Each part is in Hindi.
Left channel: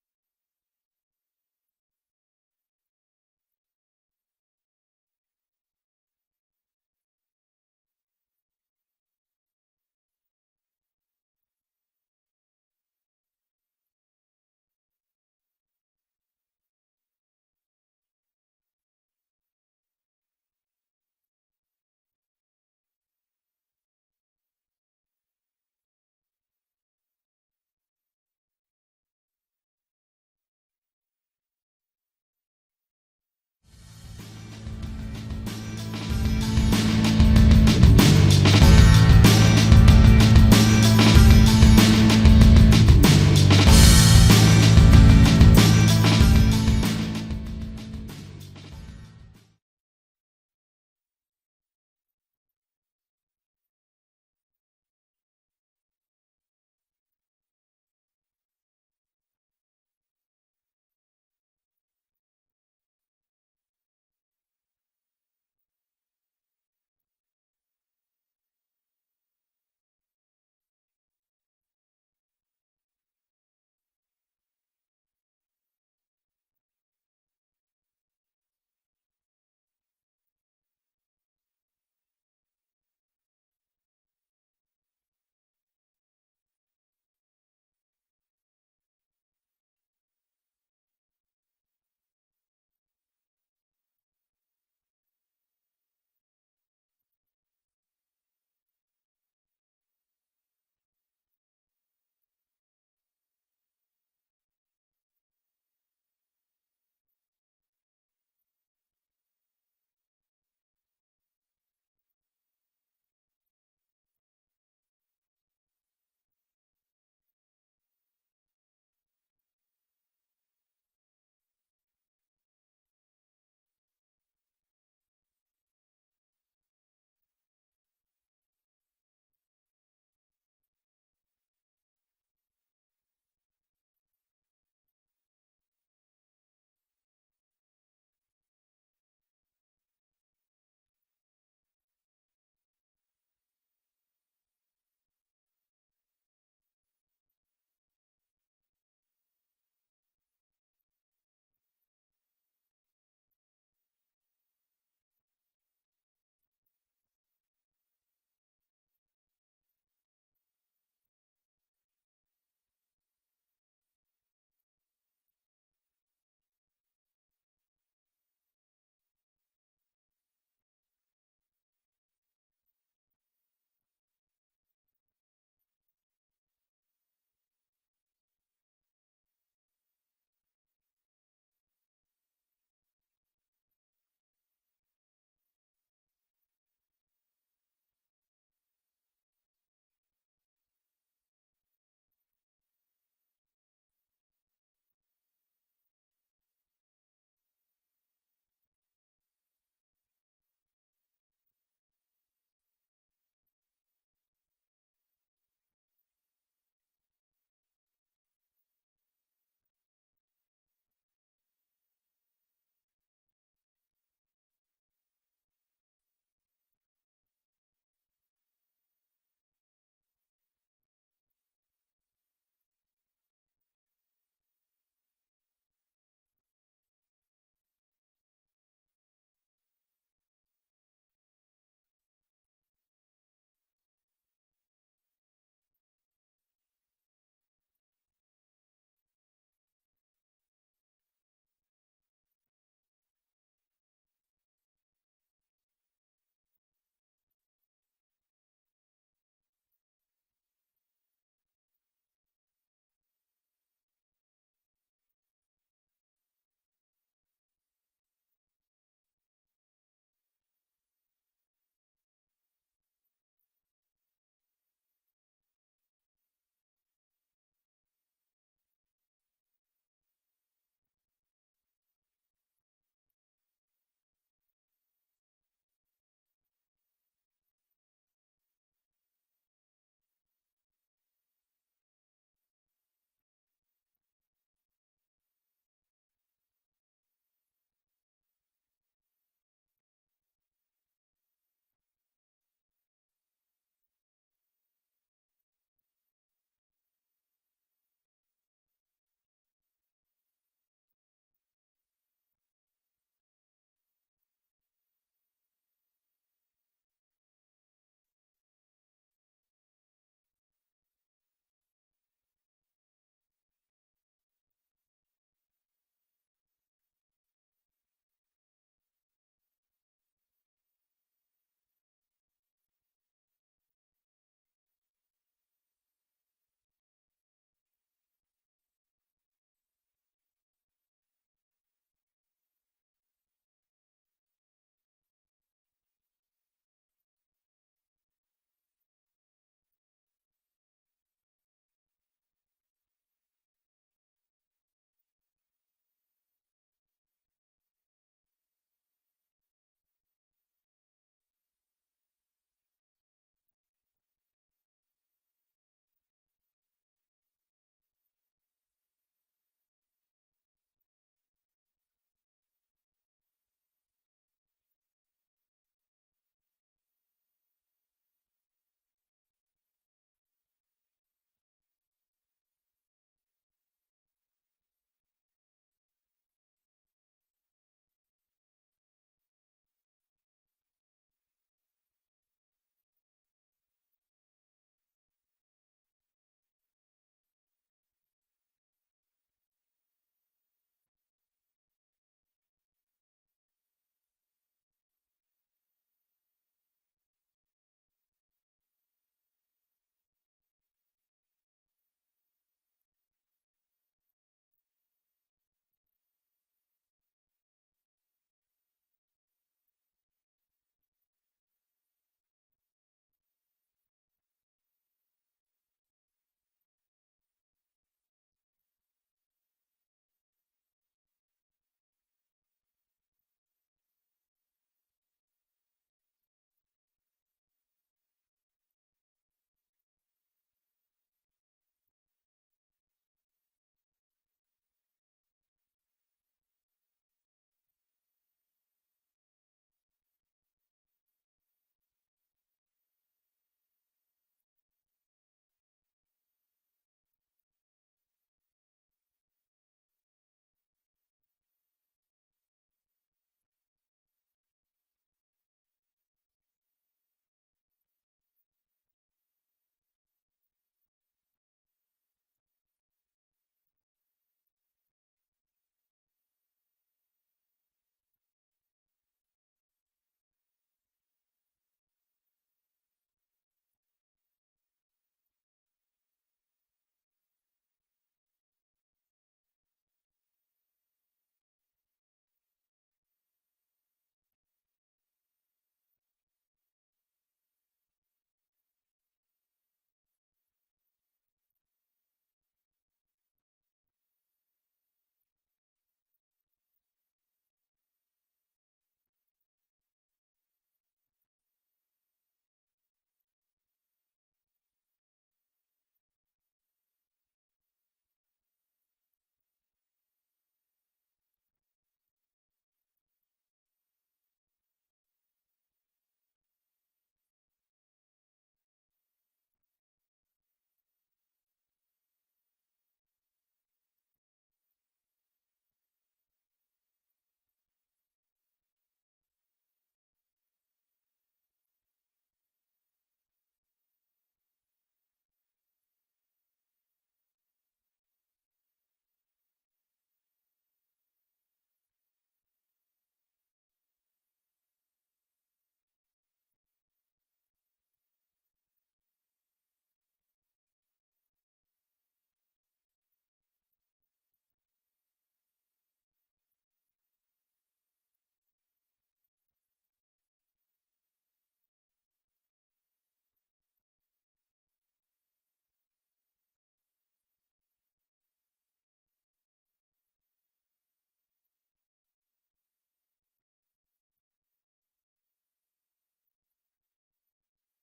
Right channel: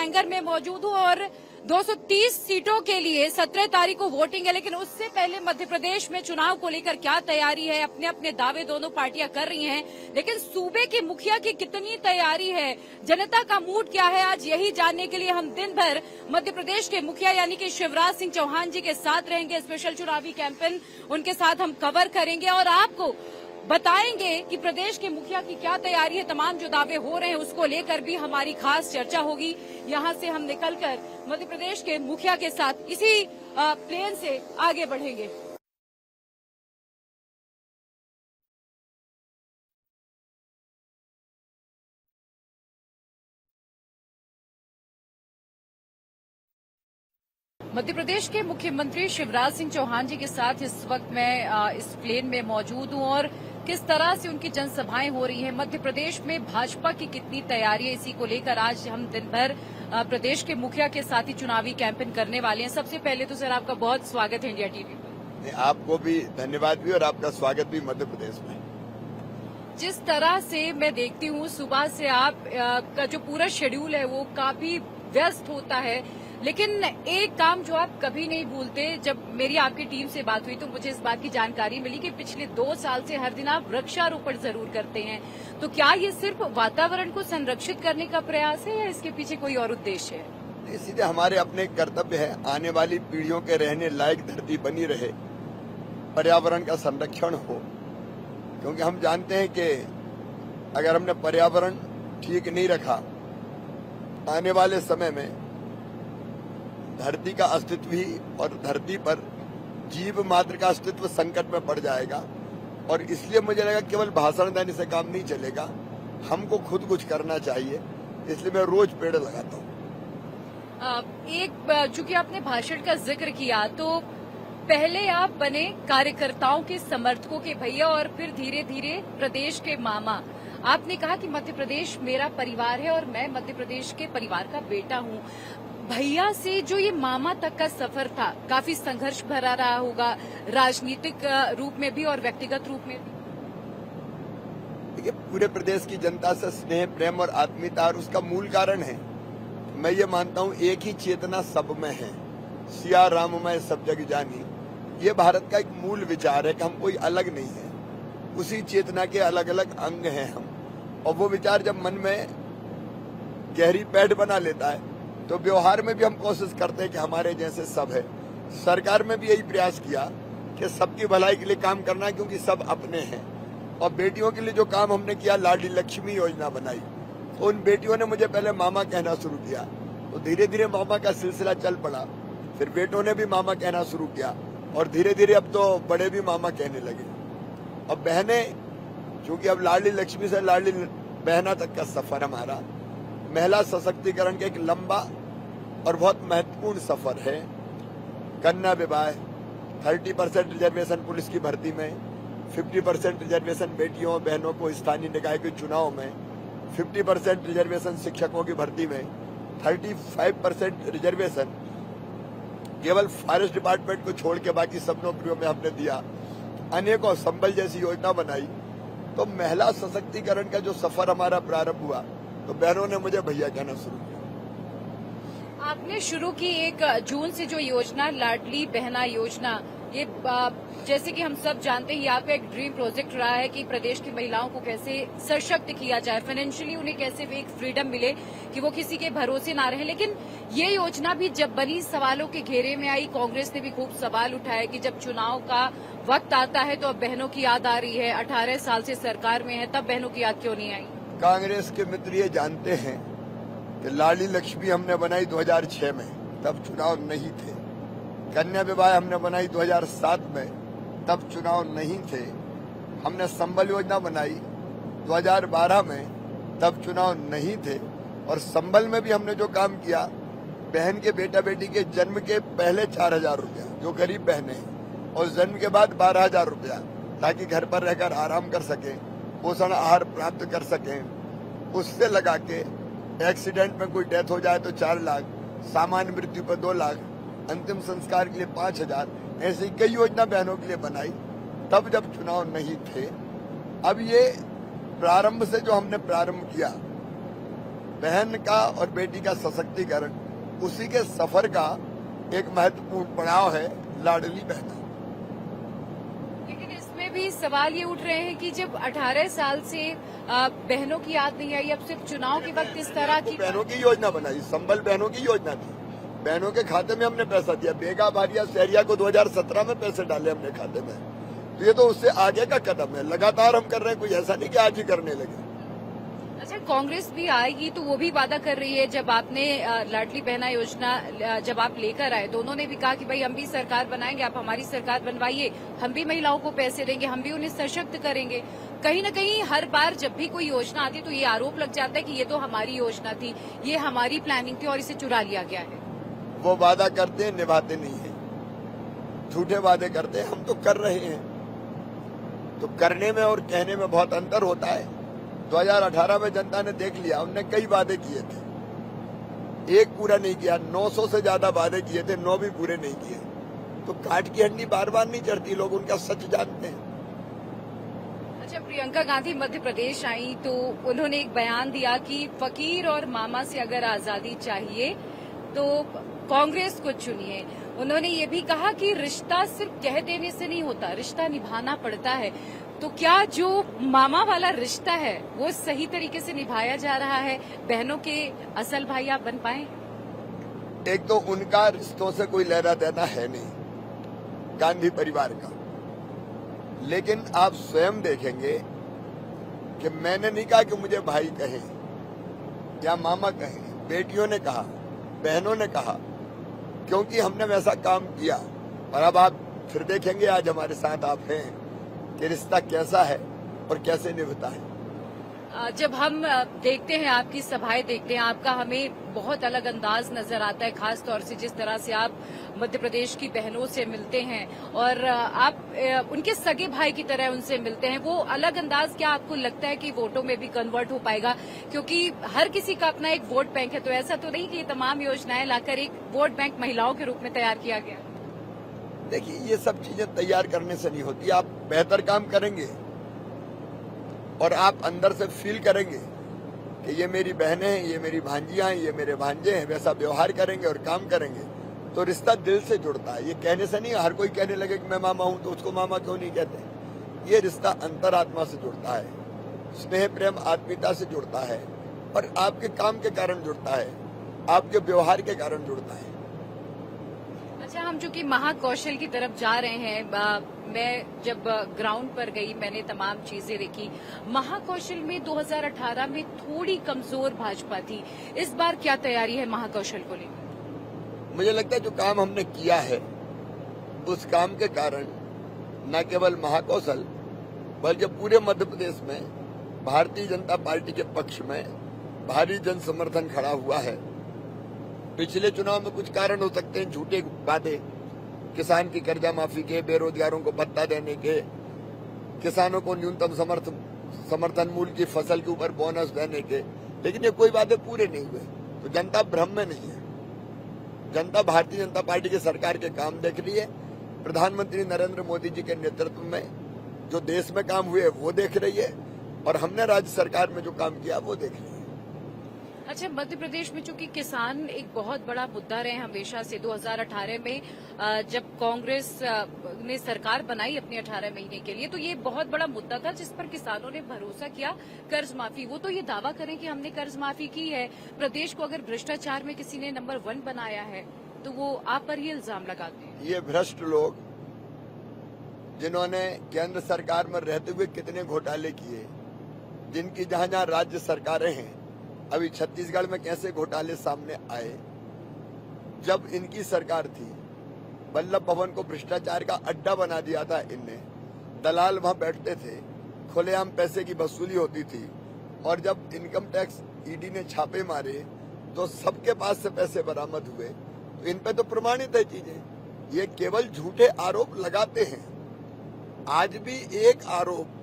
हैंगर में मौजूद हूँ और 230 सीटों के लिए 17 तारीख को वोटिंग है, लेकिन उससे पहले मध्य प्रदेश में चुनाव को लेकर क्या तैयारी है, अपने अपने दावे दोनों पार्टियां कर रही हैं, लेकिन सूबे के मुखिया की कितनी तैयारी है, जनता का मूड क्या है, आज यही जानने के लिए हम दिन भर मध्य प्रदेश के मुखिया यानी कि शिवराज सिंह चौहान जी के साथ रहेंगे। स्पेशल चुनावी कैंपेन उनके साथ हम कवर करेंगे और आपको बताएंगे कि प्रदेश के मुखिया की क्या तैयारी है। तमाम जो दावे हो रहे हैं उसको लेकर भी हमारी खास चर्चा होगी। यहां से हम निकलकर मध्य प्रदेश के मुखिया के साथ इसी प्लेन से आगे बढ़ेंगे। मध्य प्रदेश के मुख्यमंत्री शिवराज सिंह चौहान जी के साथ इस वक्त मैं इस प्लेन में मौजूद हूं और किस तरह से उनकी जनसभाएं हो रही हैं, मध्य प्रदेश में भाजपा की कितनी तैयारी है, इसी को लेकर आज हम दिन भर प्रदेश के मुखिया के साथ ही चुनावी कैंपेन करने वाले हैं। सबसे पहले तो सर आपका बहुत स्वागत है इंडिया टीवी पर। आपको भी धन्यवाद भी और आपका स्वागत भी मध्य प्रदेश में। जिस तरह से मैं देखती हूँ सुबह से आप का जो पूरा शेड्यूल है वो काफी व्यस्त होता है, लेकिन एक काम जो आप कभी नहीं भूलते, जब मेरी आपकी टीम से बात हुई तो मुझे इस बात की जानकारी मिली कि पिछले 2 साल से हर दिन आप वृक्षारोपण जरूर करते हैं। तो क्या ये सिर्फ वातावरण को संरक्षित करने का प्रयास है या इसके पीछे कोई और उद्देश्य है? सीधे हमारे अपने कर्तव्य है, आने वाली पीढ़ियों के रहने लायक धरती बनी रहे, पर्यावरण का संरक्षण हो, क्योंकि हम जानते हैं कि अगर हमने पर्यावरण ठीक नहीं रखा, आने वाले समय में धरती का अस्तित्व ही और धरती पर जीव मात्र का अस्तित्व संकट में पड़ जाएगा। और इसलिए मुझे लगा केवल भाषण देने से काम नहीं चलेगा, हमको खुद कुछ करना चाहिए, इसलिए मैं रोज पेड़ लगाता हूँ। चूंकि आपने भाषण का जिक्र किया तो पहले आप बने कार्यकर्ताओं के समर्थकों के भैया और फिर धीरे धीरे प्रदेश के मामा। आपने कहा कि मध्य प्रदेश मेरा परिवार है और मैं मध्य प्रदेश के परिवार का बेटा हूँ। भैया से जो ये मामा तक का सफर था काफी संघर्ष भरा रहा होगा, राजनीतिक रूप में भी और व्यक्तिगत रूप में भी। देखिए, पूरे प्रदेश की जनता से स्नेह, प्रेम और आत्मीयता और उसका मूल कारण है, मैं ये मानता हूँ, एक ही चेतना सब में है, सिया राम मैं सब जग जानी। ये भारत का एक मूल विचार है कि हम कोई अलग नहीं है, उसी चेतना के अलग अलग अंग हैं हम। और वो विचार जब मन में गहरी पैठ बना लेता है तो व्यवहार में भी हम कोशिश करते हैं कि हमारे जैसे सब है। सरकार में भी यही प्रयास किया कि सबकी भलाई के लिए काम करना है, क्योंकि सब अपने हैं। और बेटियों के लिए जो काम हमने किया, लाडली लक्ष्मी योजना बनाई, तो उन बेटियों ने मुझे पहले मामा कहना शुरू किया, तो धीरे धीरे मामा का सिलसिला चल पड़ा, फिर बेटों ने भी मामा कहना शुरू किया और धीरे धीरे अब तो बड़े भी मामा कहने लगे। अब बहनें, चूंकि अब लाडली लक्ष्मी से लाडली बहना तक का सफर हमारा महिला सशक्तिकरण का एक लंबा और बहुत महत्वपूर्ण सफर है। कन्या विवाह, 30% रिजर्वेशन पुलिस की भर्ती में, 50% रिजर्वेशन बेटियों और बहनों को स्थानीय निकाय के चुनाव में, 50% रिजर्वेशन शिक्षकों की भर्ती में, 35% रिजर्वेशन केवल फॉरेस्ट डिपार्टमेंट को छोड़ के बाकी सब नौकरियों में हमने दिया। अनेकों संबल जैसी योजना बनाई। तो महिला सशक्तिकरण का जो सफर हमारा प्रारंभ हुआ तो बहनों ने मुझे भैया कहना शुरू किया। आपने शुरू की 1 जून से जो योजना लाडली बहना योजना, ये जैसे कि हम सब जानते हैं, आपका एक ड्रीम प्रोजेक्ट रहा है कि प्रदेश की महिलाओं को कैसे सशक्त किया जाए, फाइनेंशियली उन्हें कैसे एक फ्रीडम मिले कि वो किसी के भरोसे ना रहे। लेकिन ये योजना भी जब बनी सवालों के घेरे में आई। कांग्रेस ने भी खूब सवाल उठाया कि जब चुनाव का वक्त आता है तो अब बहनों की याद आ रही है, 18 साल से सरकार में है, तब बहनों की याद क्यों नहीं आई? कांग्रेस के मित्र ये जानते हैं कि लाडली लक्ष्मी हमने बनाई 2006 में, तब चुनाव नहीं थे। कन्या विवाह हमने बनाई 2007 में, तब चुनाव नहीं थे। हमने संबल योजना बनाई 2012 में, तब चुनाव नहीं थे। और संबल में भी हमने जो काम किया, बहन के बेटा बेटी के जन्म के पहले 4,000 रुपया जो गरीब बहनें हैं, और जन्म के बाद 12,000 रुपया, ताकि घर पर रहकर आराम कर सकें, पोषण आहार प्राप्त कर सकें, उससे लगा के एक्सीडेंट में कोई डेथ हो जाए तो 4 लाख, सामान्य मृत्यु पर 2 लाख, अंतिम संस्कार के लिए 5,000, ऐसी कई योजना बहनों के लिए बनाई, तब जब चुनाव नहीं थे। अब ये प्रारंभ से जो हमने प्रारंभ किया, बहन का और बेटी का सशक्तिकरण, उसी के सफर का एक महत्वपूर्ण पड़ाव है लाडली बहना। लेकिन इसमें भी सवाल ये उठ रहे हैं कि जब 18 साल से बहनों की याद नहीं आई, अब सिर्फ चुनाव के वक्त इस तरह की बहनों की योजना बनाई, संबल बहनों की योजना थी, बहनों के खाते में हमने पैसा दिया। बेगा भारिया शहरिया को 2017 में पैसे डाले हमने खाते में। तो ये तो उससे आगे का कदम है, लगातार हम कर रहे हैं, कोई ऐसा नहीं कि आज ही करने लगे। अच्छा, कांग्रेस भी आएगी तो वो भी वादा कर रही है। जब आपने लाडली बहना योजना जब आप लेकर आए तो उन्होंने भी कहा कि भाई हम भी सरकार बनाएंगे, आप हमारी सरकार बनवाइए, हम भी महिलाओं को पैसे देंगे, हम भी उन्हें सशक्त करेंगे। कहीं न कहीं हर बार जब भी कोई योजना आती है तो ये आरोप लग जाता है कि ये तो हमारी योजना थी, ये हमारी प्लानिंग थी और इसे चुरा लिया गया है। वो वादा करते हैं, निभाते नहीं है, झूठे वादे करते हैं। हम तो कर रहे हैं, तो करने में और कहने में बहुत अंतर होता है। 2018 में जनता ने देख लिया, उनने कई वादे किए थे, एक पूरा नहीं किया। 900 से ज्यादा वादे किए थे, 9 भी पूरे नहीं किए। तो काट की हड्डी बार बार नहीं चढ़ती, लोग उनका सच जानते हैं। अच्छा, प्रियंका गांधी मध्य प्रदेश आई तो उन्होंने एक बयान दिया कि फकीर और मामा से अगर आजादी चाहिए तो कांग्रेस को चुनिए। उन्होंने ये भी कहा कि रिश्ता सिर्फ कह देने से नहीं होता, रिश्ता निभाना पड़ता है। तो क्या जो मामा वाला रिश्ता है वो सही तरीके से निभाया जा रहा है? बहनों के असल भाई आप बन पाए? एक तो उनका रिश्तों से कोई लेना देना है नहीं, गांधी परिवार का। लेकिन आप स्वयं देखेंगे कि मैंने नहीं कहा कि मुझे भाई कहें या मामा कहें, बेटियों ने कहा, बहनों ने कहा, क्योंकि हमने वैसा काम किया। और अब आप फिर देखेंगे, आज हमारे साथ आप हैं, कि रिश्ता कैसा है और कैसे निभता है। जब हम देखते हैं, आपकी सभाएं देखते हैं, आपका हमें बहुत अलग अंदाज नजर आता है, खास तौर से जिस तरह से आप मध्य प्रदेश की बहनों से मिलते हैं और आप उनके सगे भाई की तरह उनसे मिलते हैं। वो अलग अंदाज क्या आपको लगता है कि वोटों में भी कन्वर्ट हो पाएगा? क्योंकि हर किसी का अपना एक वोट बैंक है, तो ऐसा तो नहीं कि ये तमाम योजनाएं लाकर एक वोट बैंक महिलाओं के रूप में तैयार किया गया। देखिए, ये सब चीजें तैयार करने से नहीं होती। आप बेहतर काम करेंगे और आप अंदर से फील करेंगे कि ये मेरी बहनें हैं, ये मेरी भांजियां हैं, ये मेरे भांजे हैं, वैसा व्यवहार करेंगे और काम करेंगे तो रिश्ता दिल से जुड़ता है। ये कहने से नहीं, हर कोई कहने लगे कि मैं मामा हूं तो उसको मामा क्यों नहीं कहते। ये रिश्ता अंतरात्मा से जुड़ता है, स्नेह प्रेम आत्मीयता से जुड़ता है और आपके काम के कारण जुड़ता है, आपके व्यवहार के कारण जुड़ता है। अच्छा, हम चूंकि महाकौशल की तरफ जा रहे हैं, मैं जब ग्राउंड पर गई मैंने तमाम चीजें देखी। महाकौशल में 2018 में थोड़ी कमजोर भाजपा थी, इस बार क्या तैयारी है महाकौशल को लेकर? मुझे लगता है जो काम हमने किया है उस काम के कारण न केवल महाकौशल बल्कि पूरे मध्य प्रदेश में भारतीय जनता पार्टी के पक्ष में भारी जन समर्थन खड़ा हुआ है। पिछले चुनाव में कुछ कारण हो सकते हैं, झूठे वादे, किसान की कर्जा माफी के, बेरोजगारों को भत्ता देने के, किसानों को न्यूनतम समर्थन मूल्य की फसल के ऊपर बोनस देने के, लेकिन ये कोई वादे पूरे नहीं हुए। तो जनता भ्रम में नहीं है, जनता भारतीय जनता पार्टी की सरकार के काम देख रही है। प्रधानमंत्री नरेंद्र मोदी जी के नेतृत्व में जो देश में काम हुए वो देख रही है और हमने राज्य सरकार में जो काम किया वो देख रही है। अच्छा, मध्य प्रदेश में चूंकि किसान एक बहुत बड़ा मुद्दा रहे हमेशा से, 2018 में जब कांग्रेस ने सरकार बनाई अपने 18 महीने के लिए तो ये बहुत बड़ा मुद्दा था जिस पर किसानों ने भरोसा किया, कर्ज माफी। वो तो ये दावा करें कि हमने कर्ज माफी की है। प्रदेश को अगर भ्रष्टाचार में किसी ने नंबर 1 बनाया है तो वो आप पर ही इल्जाम लगाते हैं। ये भ्रष्ट लोग जिन्होंने केंद्र सरकार में रहते हुए कितने घोटाले किए, जिनकी जहां जहां राज्य सरकारें हैं, अभी छत्तीसगढ़ में कैसे घोटाले सामने आए। जब इनकी सरकार थी, वल्लभ भवन को भ्रष्टाचार का अड्डा बना दिया था इनने, दलाल वहां बैठते थे, खुलेआम पैसे की वसूली होती थी और जब इनकम टैक्स ईडी ने छापे मारे तो सबके पास से पैसे बरामद हुए। तो इन पे तो प्रमाणित है चीजें, ये केवल झूठे आरोप लगाते हैं। आज भी एक आरोप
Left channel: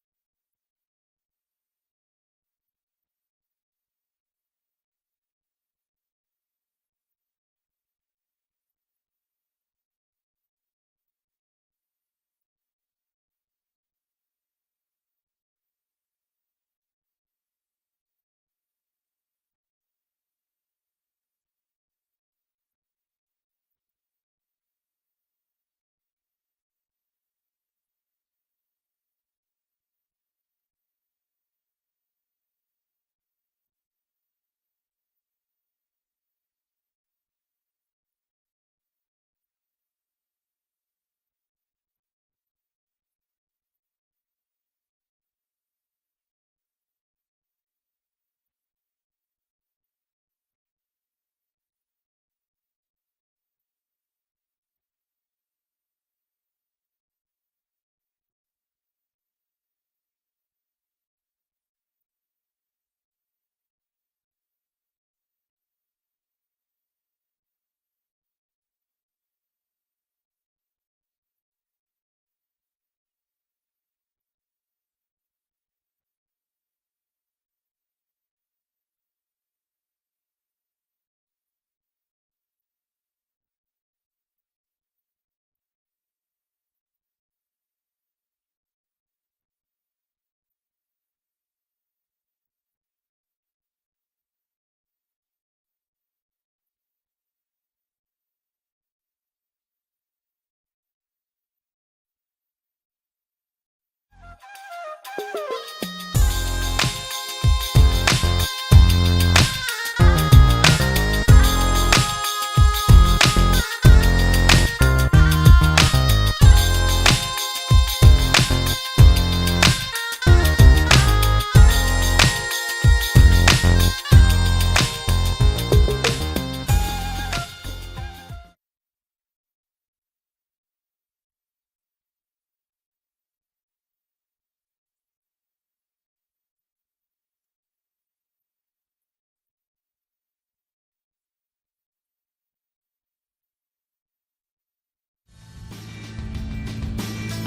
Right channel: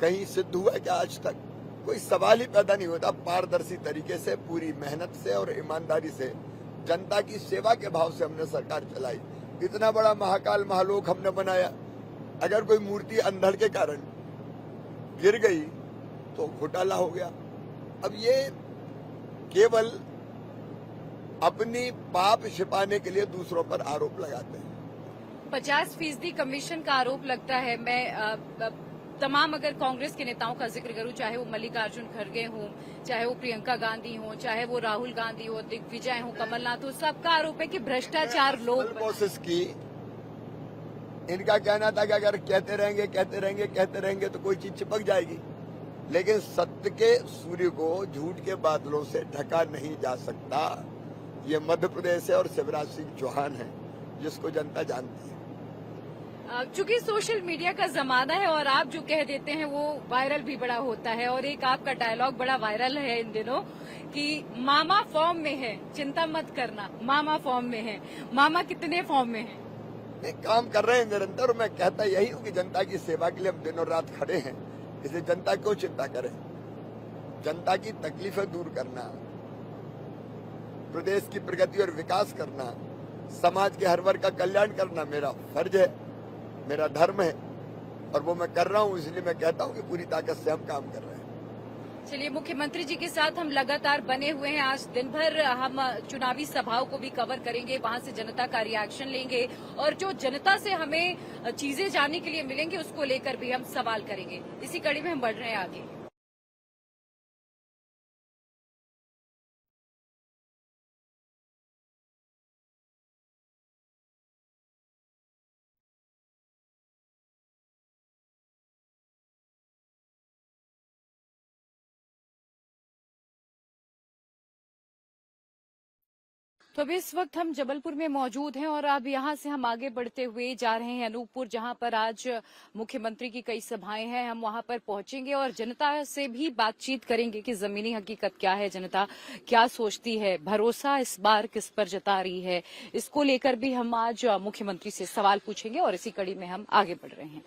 कहीं सिद्ध हुआ क्या? आज तक कोई सवाल ही पैदा नहीं होता। पारदर्शी तरीके से, पूरी मेहनत से और ईमानदारी से, जनता की सेवा के भाव से हमने सरकार चलाई। इतना बड़ा महाकाल महालोक हमने बनाया, अगर कोई मूर्ति अंधड़ के कारण गिर गई तो घोटाला हो गया। अब ये केवल अपनी पाप छिपाने के लिए दूसरों पर आरोप लगाते हैं। 50% कमीशन का आरोप लगता है। मैं तमाम अगर कांग्रेस के नेताओं का जिक्र करूं, चाहे वो मल्लिकार्जुन खड़गे हों, चाहे वो प्रियंका गांधी हों, चाहे वो राहुल गांधी हो, दिग्विजय हो, कमलनाथ हो, सबका आरोप है कि भ्रष्टाचार लोग प्रोसेस की। इनका कहना था कि अगर कहते रहेंगे तो कोई चीज चिपक जाएगी, लेकिन सत्य के सूर्य को झूठ के बादलों से ढका नहीं जा सकता। ये मध्य प्रदेश है और शिवराज सिंह चौहान है, जिसको जनता जानती है। चूंकि सोशल मीडिया का जमाना है और आप जो कह देते हैं वो वायरल भी बड़ा होता है, और एक आपका डायलॉग बड़ा वायरल है इन दिनों कि मामा फॉर्म में है, चिंता मत करना, मामा फॉर्म में है। मामा कितने फॉर्म में है? नहीं, काम कर रहे हैं निरंतर, और मैं कहता यही हूँ कि जनता की सेवा के लिए हम दिनों रात खड़े हैं। इसलिए जनता क्यों चिंता करें? जनता की तकलीफें दूर करना, प्रदेश की प्रगति और विकास करना, समाज के हर वर्ग का कल्याण करना मेरा फर्ज है, मेरा धर्म है, और वो मैं कर रहा हूँ। इसलिए मैं कहता हूँ कि पूरी ताकत से हम काम कर रहे हैं। चलिए, मुख्यमंत्री जी के साथ हम लगातार बने हुए हैं। आज दिन भर हम चुनावी सभाओं को भी कवर करेंगे, वहां से जनता का रिएक्शन लेंगे, और जो जनता से हमें चीजें जानने के लिए मिलेंगी उसको लेकर भी हम सवाल करेंगे। इसी कड़ी में हम बढ़ रहे हैं आगे। जबलपुर में मौजूद हैं और अब यहां से हम आगे बढ़ते हुए जा रहे हैं अनूपपुर, जहां पर आज मुख्यमंत्री की कई सभाएं हैं। हम वहां पर पहुंचेंगे और जनता से भी बातचीत करेंगे कि जमीनी हकीकत क्या है, जनता क्या सोचती है, भरोसा इस बार किस पर जता रही है। इसको लेकर भी हम आज मुख्यमंत्री से सवाल पूछेंगे और इसी कड़ी में हम आगे बढ़ेंगे।